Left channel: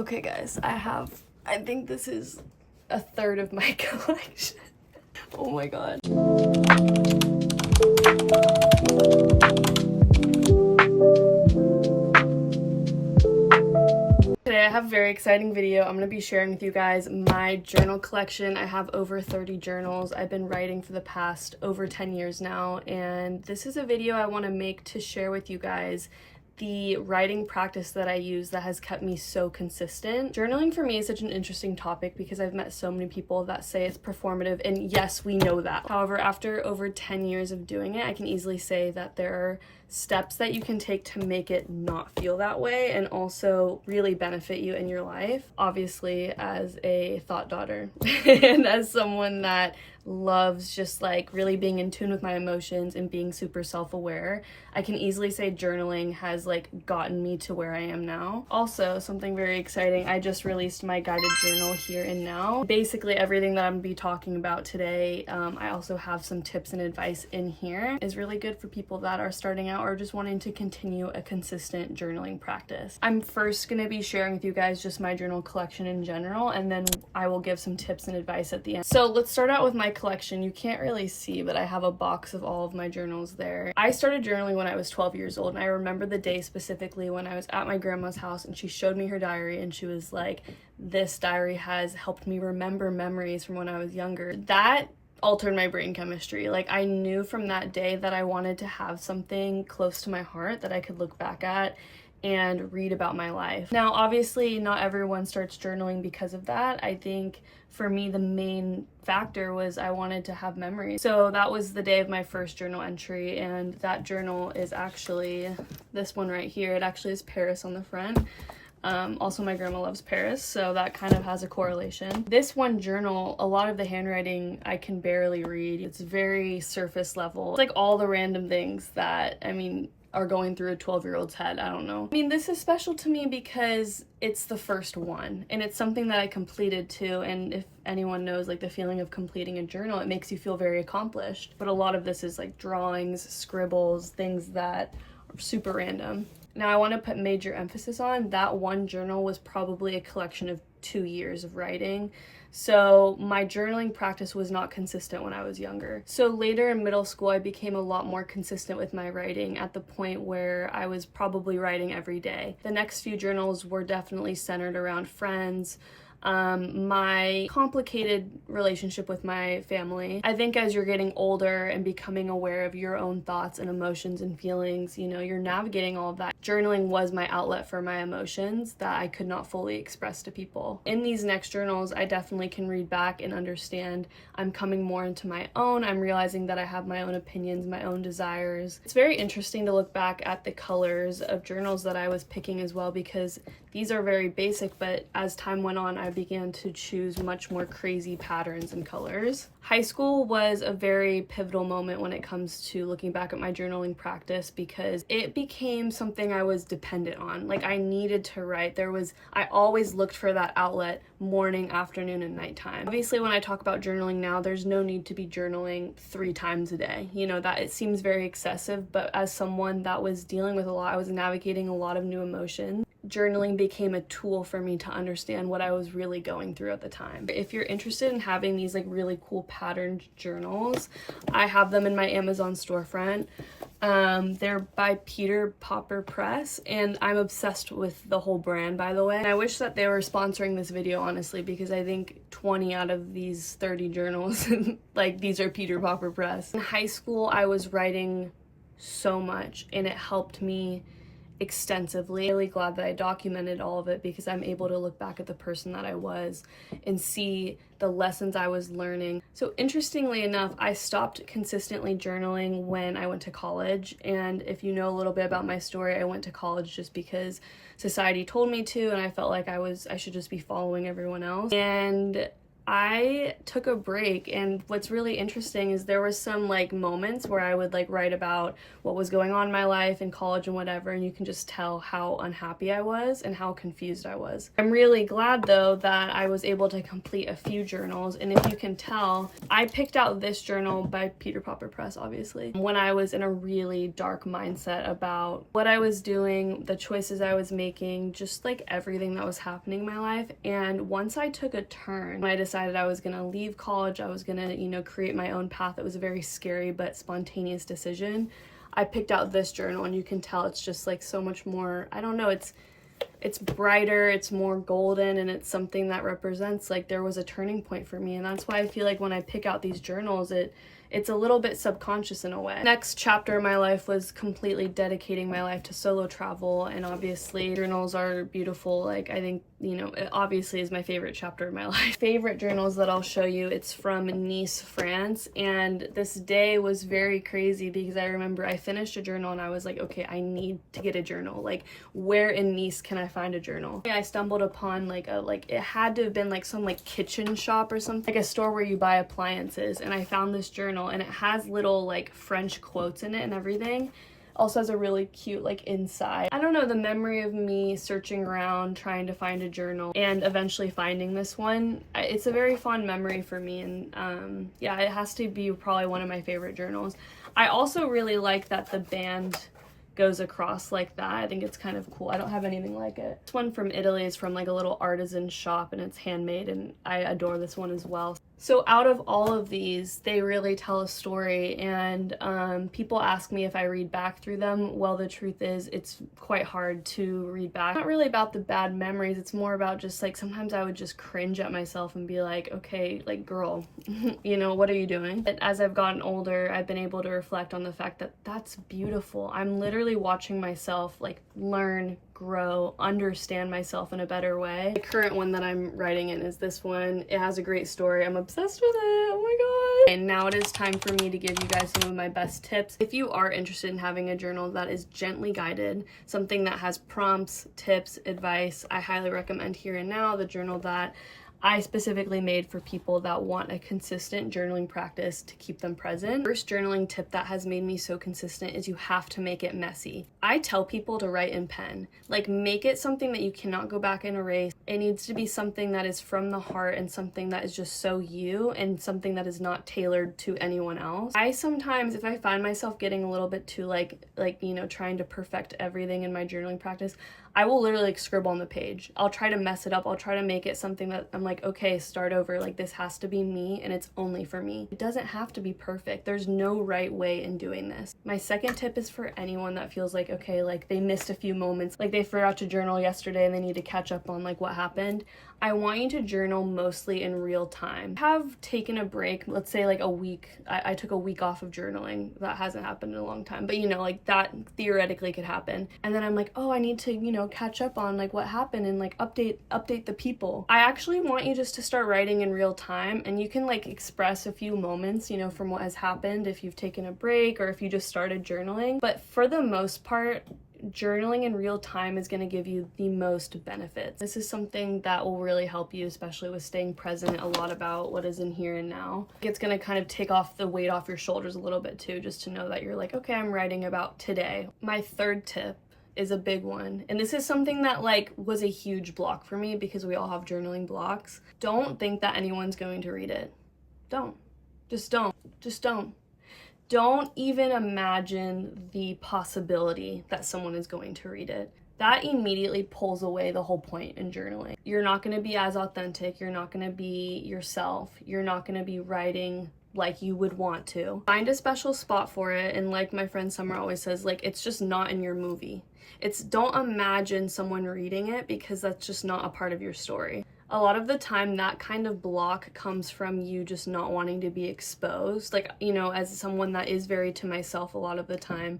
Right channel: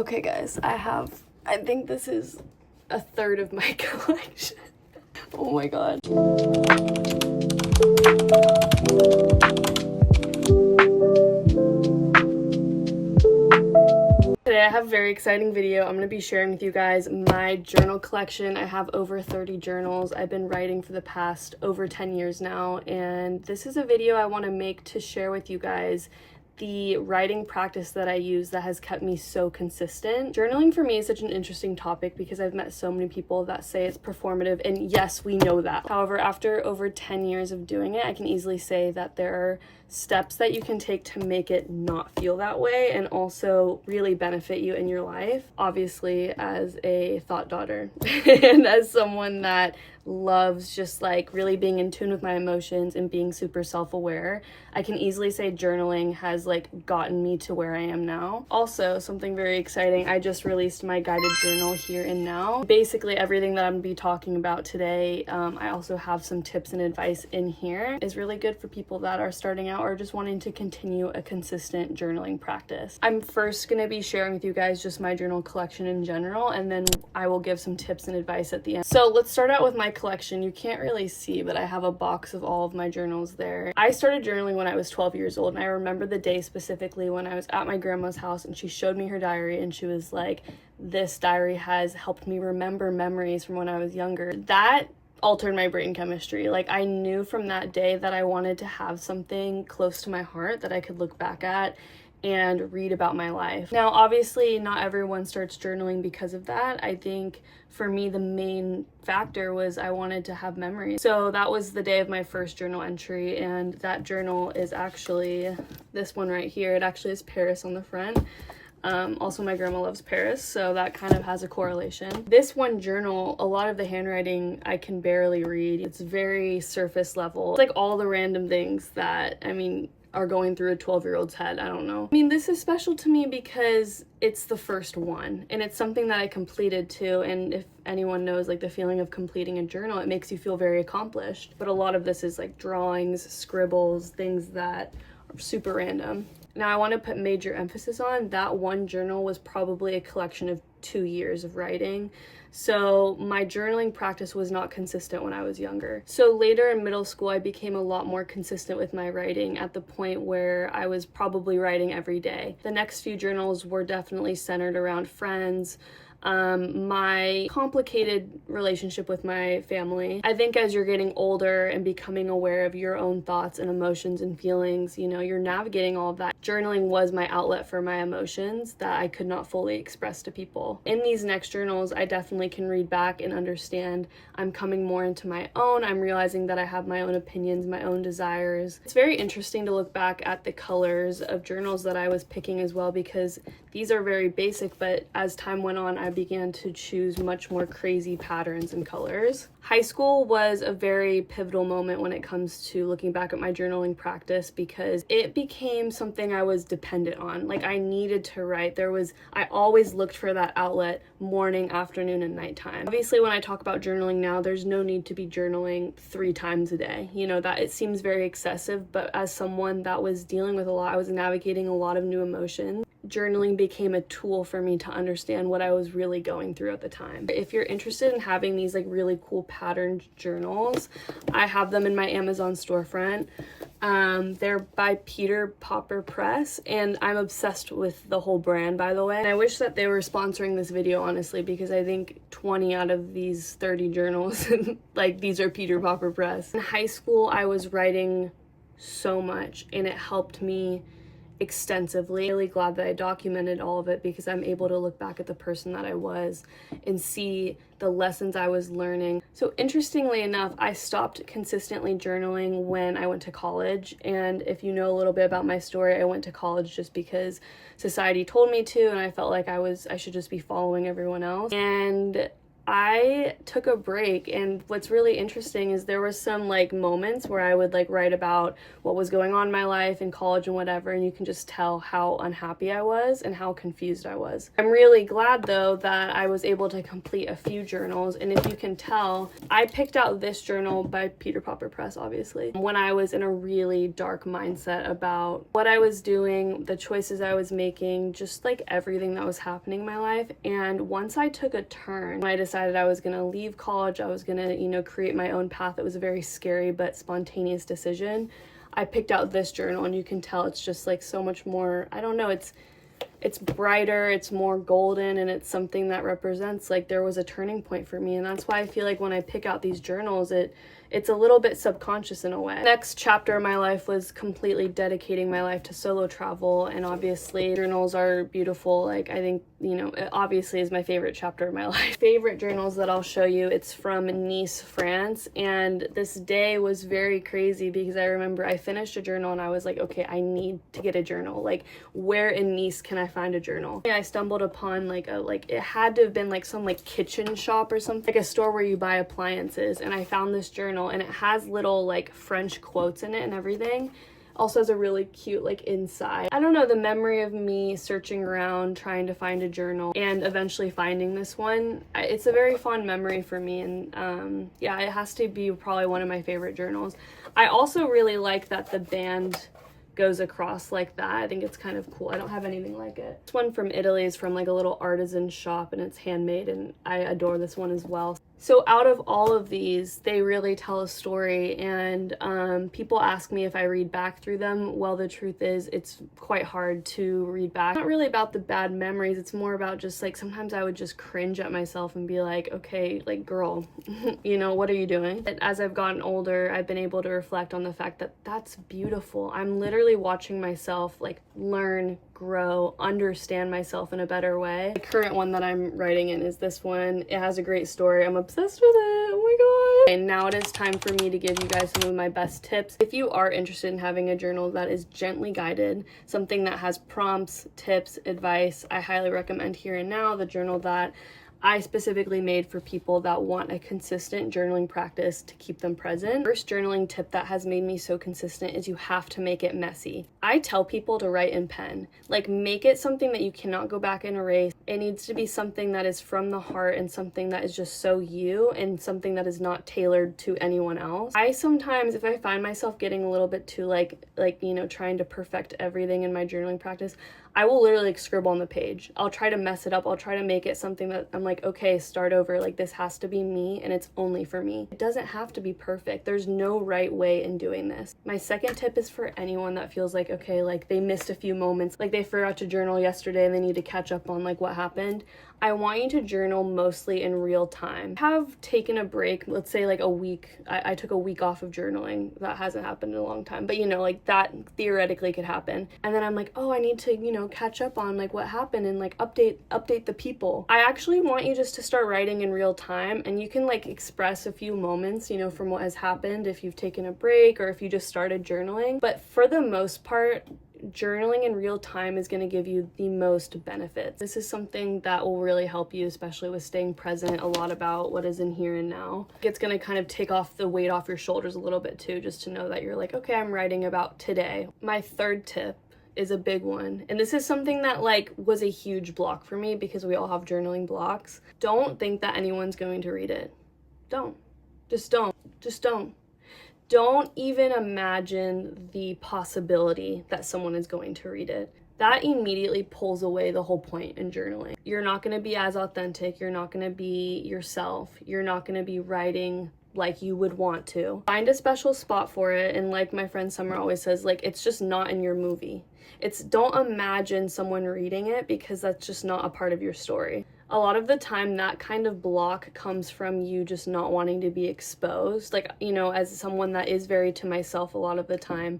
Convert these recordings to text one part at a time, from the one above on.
Okay guys, I think this is a third of my collection. Oh my god. Today I have a very exciting video. I'm going to be sharing with you guys my journal collection. I have over 30 journals. I've been writing for the past over 10 years now, and this is a video I want to make to share with you guys the writing practice that I use that has kept me so consistent. Journaling for me is such an interesting topic because I've met so many people that say it's performative, and yes, we know that. However, after over 10 years of doing it, I can easily say that there are steps that you can take to make it not feel that way and also really benefit you in your life. Obviously, as a thought daughter and as someone that loves just like really being in tune with my emotions and being super self-aware, I can easily say journaling has like gotten me to where I am now. Also, something very exciting, I just released my guided journal here and now. Basically everything that I'm gonna be talking about today, I also have some tips and advice in here, is really good for people that are starting out or just wanting to continue a consistent journaling practice. I'm first gonna be sharing with you guys just my journal collection in general, and then I will give some tips and advice at the end. So let's start out with my collection. You can't really see, but I have a box of all of my journals there. I started journaling when I was 12 years old, and I remember the day specifically when I was at my grandma's house and she showed me her diary and she was like, "This diary has helped me remember memories from when I was younger." That altered my brain chemistry. Like, I knew from that day that I wanted to have something close to my heart that I could look back at and read about my life. Now, obviously, not everyone starts journaling because of that. I think for me, the main factor was I wanted to have memories. So that was the day of my first journal entry, and that journal is actually this one right here. It actually is Paris on the front. Also, my grandma loves Paris, so that kind of has a correlation. This one journal, a lot of the handwriting I can barely read. It's very surface level. It's like all the random things that, are going through a 12-year-old's head. I don't know. This is special to me because it's the first one, and it's something that I completed too, and if anyone knows like the feeling of completing a journal, it makes you feel very accomplished. But a lot of this is like drawings, scribbles, things that are super random. Now, I want to put major emphasis on that one journal was probably a collection of 2 years of writing. So my journaling practice was not consistent when I was younger. So later in middle school, I became a lot more consistent with my writing at the point where I was probably writing every day. The next few journals were definitely centered around friends, my complicated relationship with my family. I think as you're getting older and becoming aware of your own thoughts and emotions and feelings, you're navigating all of that. Journaling was my outlet for my emotions that I could not fully express to people. In these next journals, I definitely can read back and understand I'm coming more into my own. I'm realizing that I have my own opinions, my own desires. It's very interesting to look back at the colors of journals that I was picking as well, because these are very basic, but as time went on, I began to choose much more crazy patterns and colors. High school was a very pivotal moment when it comes to looking back at my journaling practice, because it became something I was dependent on. Like, I needed to write. I always looked for that outlet morning, afternoon, and nighttime. Obviously, when I talk about journaling now, there's no need to be journaling 3 times a day. That it seems very excessive, but as someone that was dealing with a lot, I was navigating a lot of new emotions. Journaling became a tool for me to understand what I was really going through at the time. If you're interested in having these like really cool patterned journals, I have them in my Amazon storefront. They're by Peter Popper Press, and I'm obsessed with the whole brand, by the way. And I wish that they were sponsoring this video, honestly, because I think 20 out of these 30 journals, like, these are Peter Popper Press. In high school, I was writing so much, and it helped me extensively. I'm really glad that I documented all of it, because I'm able to look back at the person that I was and see the lessons I was learning. So interestingly enough, I stopped consistently journaling when I went to college. And if you know a little bit about my story, I went to college just because society told me to, and I felt like I should just be following everyone else. And I took a break, and what's really interesting is there was some like moments where I would like write about what was going on in my life in college and whatever, and you can just tell how unhappy I was and how confused I was. I'm really glad though that I was able to complete a few journals, and if you can tell, I picked out this journal by Peter Popper Press, obviously, when I was in a really dark mindset about what I was doing, the choices I was making, just like everything that was happening in my life. And once I took a turn, when I decided I was gonna leave college, I was gonna, you know, create my own path. It was a very scary but spontaneous decision. I picked out this journal, and you can tell it's just like so much more, I don't know, it's brighter, it's more golden, and it's something that represents like there was a turning point for me. And that's why I feel like when I pick out these journals, it's a little bit subconscious in a way. Next chapter of my life was completely dedicating my life to solo travel, and obviously journals are beautiful. Like, I think, you know, it obviously is my favorite chapter of my life. Favorite journals that I'll show you, it's from Nice, France, and this day was very crazy because I remember I finished a journal and I was like, okay, I need to get a journal. Like, where in Nice can I find a journal? I stumbled upon it had to have been like some like kitchen shop or something, like a store where you buy appliances, and I found this journal, and it has little like French quotes in it and everything. Also has a really cute like inside. I don't know, the memory of me searching around trying to find a journal and eventually finding this one, it's a very fond memory for me. And yeah, it has to be probably one of my favorite journals. I also really like that the band goes across like that. I think it's kind of cool. I don't have anything like it. This one from Italy is from like a little artisan shop, and it's handmade, and I adore this one as well. So out of all of these, they really tell a story, and people ask me if I read back through them. Well, the truth is it's quite hard to read back. It's not really about the bad memories, it's more about just like sometimes I would just cringe at myself and be like, okay, like girl, you know, what are you doing? But as I've gotten older, I've been able to reflect on the fact that that's beautiful. I'm literally watching myself like learn, grow, understand myself in a better way. The current one that I'm writing in is this one. It has a great story. I'm obsessed with it. Oh my god. And now it is time for me to give you guys some of my best tips. If you are interested in having a journal that is gently guided, something that has prompts, tips, advice, I highly recommend Here and Now, the journal that I specifically made for people that want a consistent journaling practice to keep them present. First journaling tip that has made me so consistent is you have to make it messy. I tell people to write in pen. Like, make it something that you cannot go back and erase. It needs to be something that is from the heart and something that is just so you, and something that is not tailored to anyone else. I sometimes, if I find myself getting a little bit too like you know, trying to perfect everything in my journaling practice, I will literally like scribble on the page. I'll try to mess it up. I'll try to make it something that I'm like, okay, start over. Like, this has to be me, and it's only for me. It doesn't have to be perfect. There's no right way in doing this. My second tip is for anyone that feels like, okay, like they missed a few moments, like they forgot to journal yesterday and they need to catch up on like what happened. I want you to journal mostly in real time. I have taken a break, let's say like a week. I took a week off of journaling. That hasn't happened in a long time, but you know, like that theoretically could happen. And then I'm like, oh, I need to, you know, catch up on like what happened and like update the people. I actually want you just to start writing in real time, and you can like express a few moments, you know, from what has happened if you've taken a break or if you just started journaling. But for the most part, journaling in real time is going to give you the most benefits. This is something that will really help you, especially with staying present a lot about what is in here and now. It's going to kind of take off the weight off your shoulders a little bit too, just to know that you're like, okay, I'm writing about today. My third tip is a big one, and this is something that like was a huge block for me because we all have journaling blocks. Don't think that anyone's going to read it. Don't. Just don't. Don't even imagine the possibility that someone is going to read it. That immediately pulls away the whole point in journaling. You're not going to be as authentic. You're not going to be yourself. You're not going to be writing like you would want to. Find a special spot for it, and like my friend Summer always says, like, it's just not in your movie. Don't imagine someone reading it, because that's just not a part of your story. A lot of the time that kind of block comes from you just not wanting to be exposed. Like, you know, as someone that is very to myself a lot of the time,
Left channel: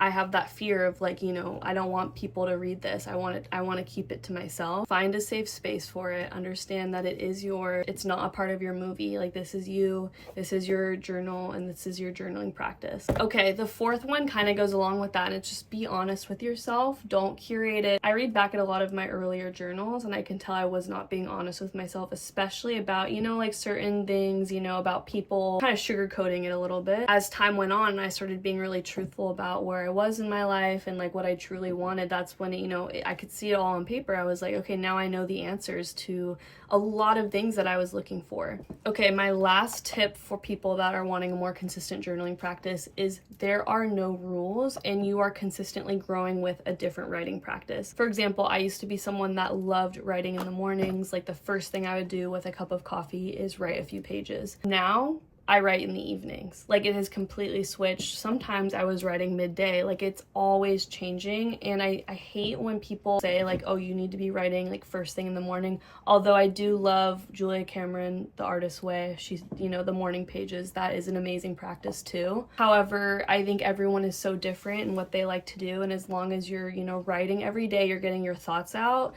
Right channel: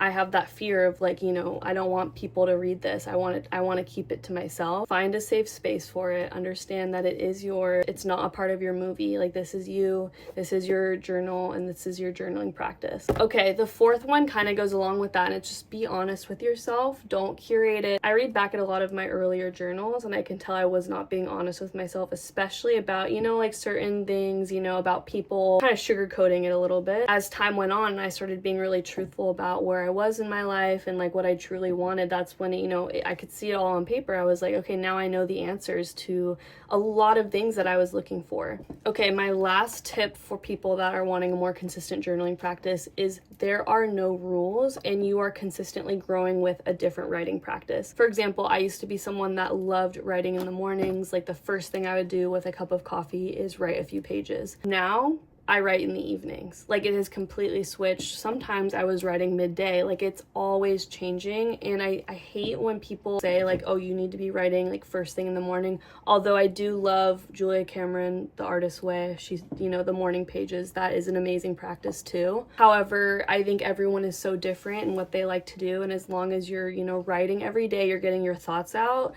I have that fear of like, you know, I don't want people to read this. I want to keep it to myself. Find a safe space for it. Understand that it's not a part of your movie. Like, this is you, this is your journal, and this is your journaling practice. Okay, the fourth one kind of goes along with that, and it's just be honest with yourself. Don't curate it. I read back at a lot of my earlier journals and I can tell I was not being honest with myself, especially about, you know, like certain things, you know, about people, kind of sugarcoating it a little bit. As time went on, I started being really truthful about where I was in my life and like what I truly wanted. That's when, you know, I could see it all on paper. I was like, okay, now I know the answers to a lot of things that I was looking for. Okay, my last tip for people that are wanting a more consistent journaling practice is there are no rules and you are consistently growing with a different writing practice. For example, I used to be someone that loved writing in the mornings. Like, the first thing I would do with a cup of coffee is write a few pages. Now I write in the evenings. Like, it has completely switched. Sometimes I was writing midday. Like, it's always changing. And I hate when people say like, oh, you need to be writing like first thing in the morning. Although I do love Julia Cameron, The Artist's Way. She's, you know, the morning pages. That is an amazing practice too. However, I think everyone is so different in what they like to do. And as long as you're, you know, writing every day, you're getting your thoughts out,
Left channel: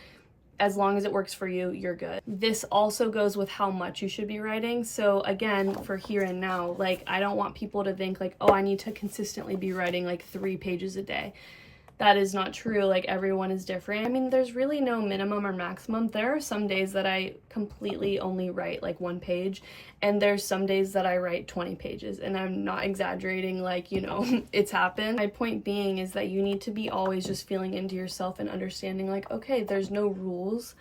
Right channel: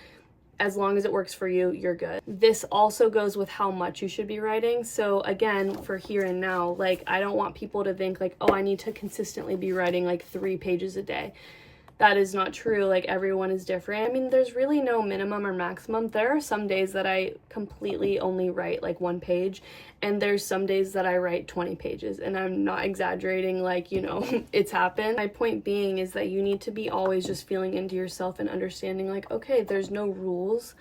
as long as it works for you, you're good. This also goes with how much you should be writing. So again, for here and now, like, I don't want people to think like, oh, I need to consistently be writing like 3 pages a day. That is not true. Like, everyone is different. I mean, there's really no minimum or maximum. There are some days that I completely only write like 1 page, and there's some days that I write 20 pages, and I'm not exaggerating, like, you know, it's happened. My point being is that you need to be always just feeling into yourself and understanding like, okay, there's no rules.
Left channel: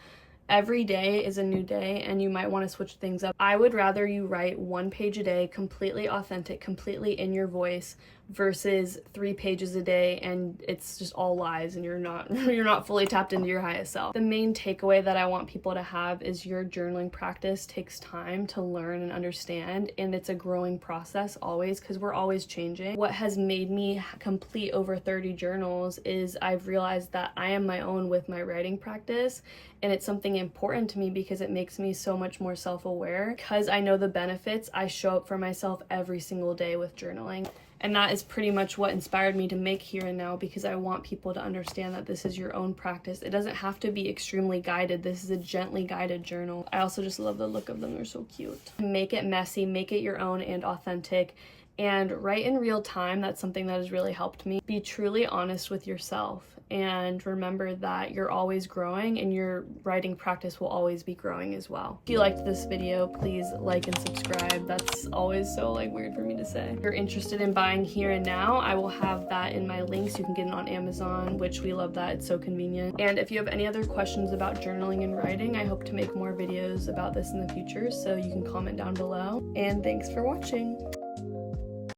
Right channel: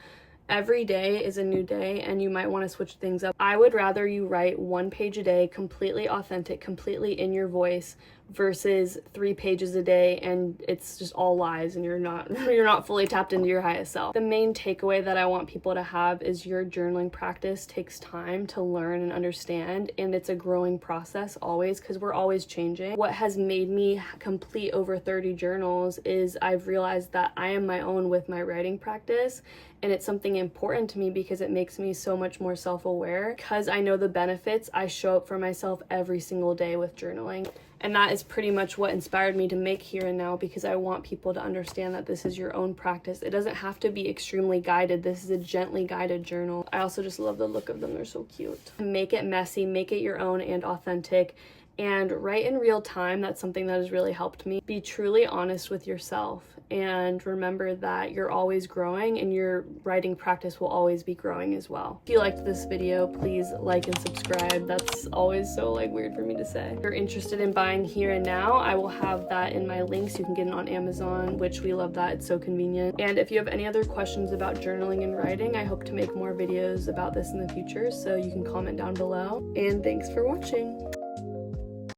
Every day is a new day and you might want to switch things up. I would rather you write 1 page a day, completely authentic, completely in your voice, versus 3 pages a day and it's just all lies and you're not fully tapped into your highest self. The main takeaway that I want people to have is your journaling practice takes time to learn and understand, and it's a growing process always, because we're always changing. What has made me complete over 30 journals is I've realized that I am my own with my writing practice, and it's something important to me because it makes me so much more self-aware. Because I know the benefits, I show up for myself every single day with journaling. And that is pretty much what inspired me to make Here and Now, because I want people to understand that this is your own practice. It doesn't have to be extremely guided. This is a gently guided journal. I also just love the look of them. They're so cute. Make it messy, make it your own and authentic, and write in real time. That's something that has really helped me. Be truly honest with yourself, and remember that you're always growing and your writing practice will always be growing as well. If you liked this video, please like and subscribe. That's always so like weird for me to say. If you're interested in buying Here and Now, I will have that in my links. You can get it on Amazon, which we love that. It's so convenient. And if you have any other questions about journaling and writing, I hope to make more videos about this in the future, so you can comment down below. And thanks for watching.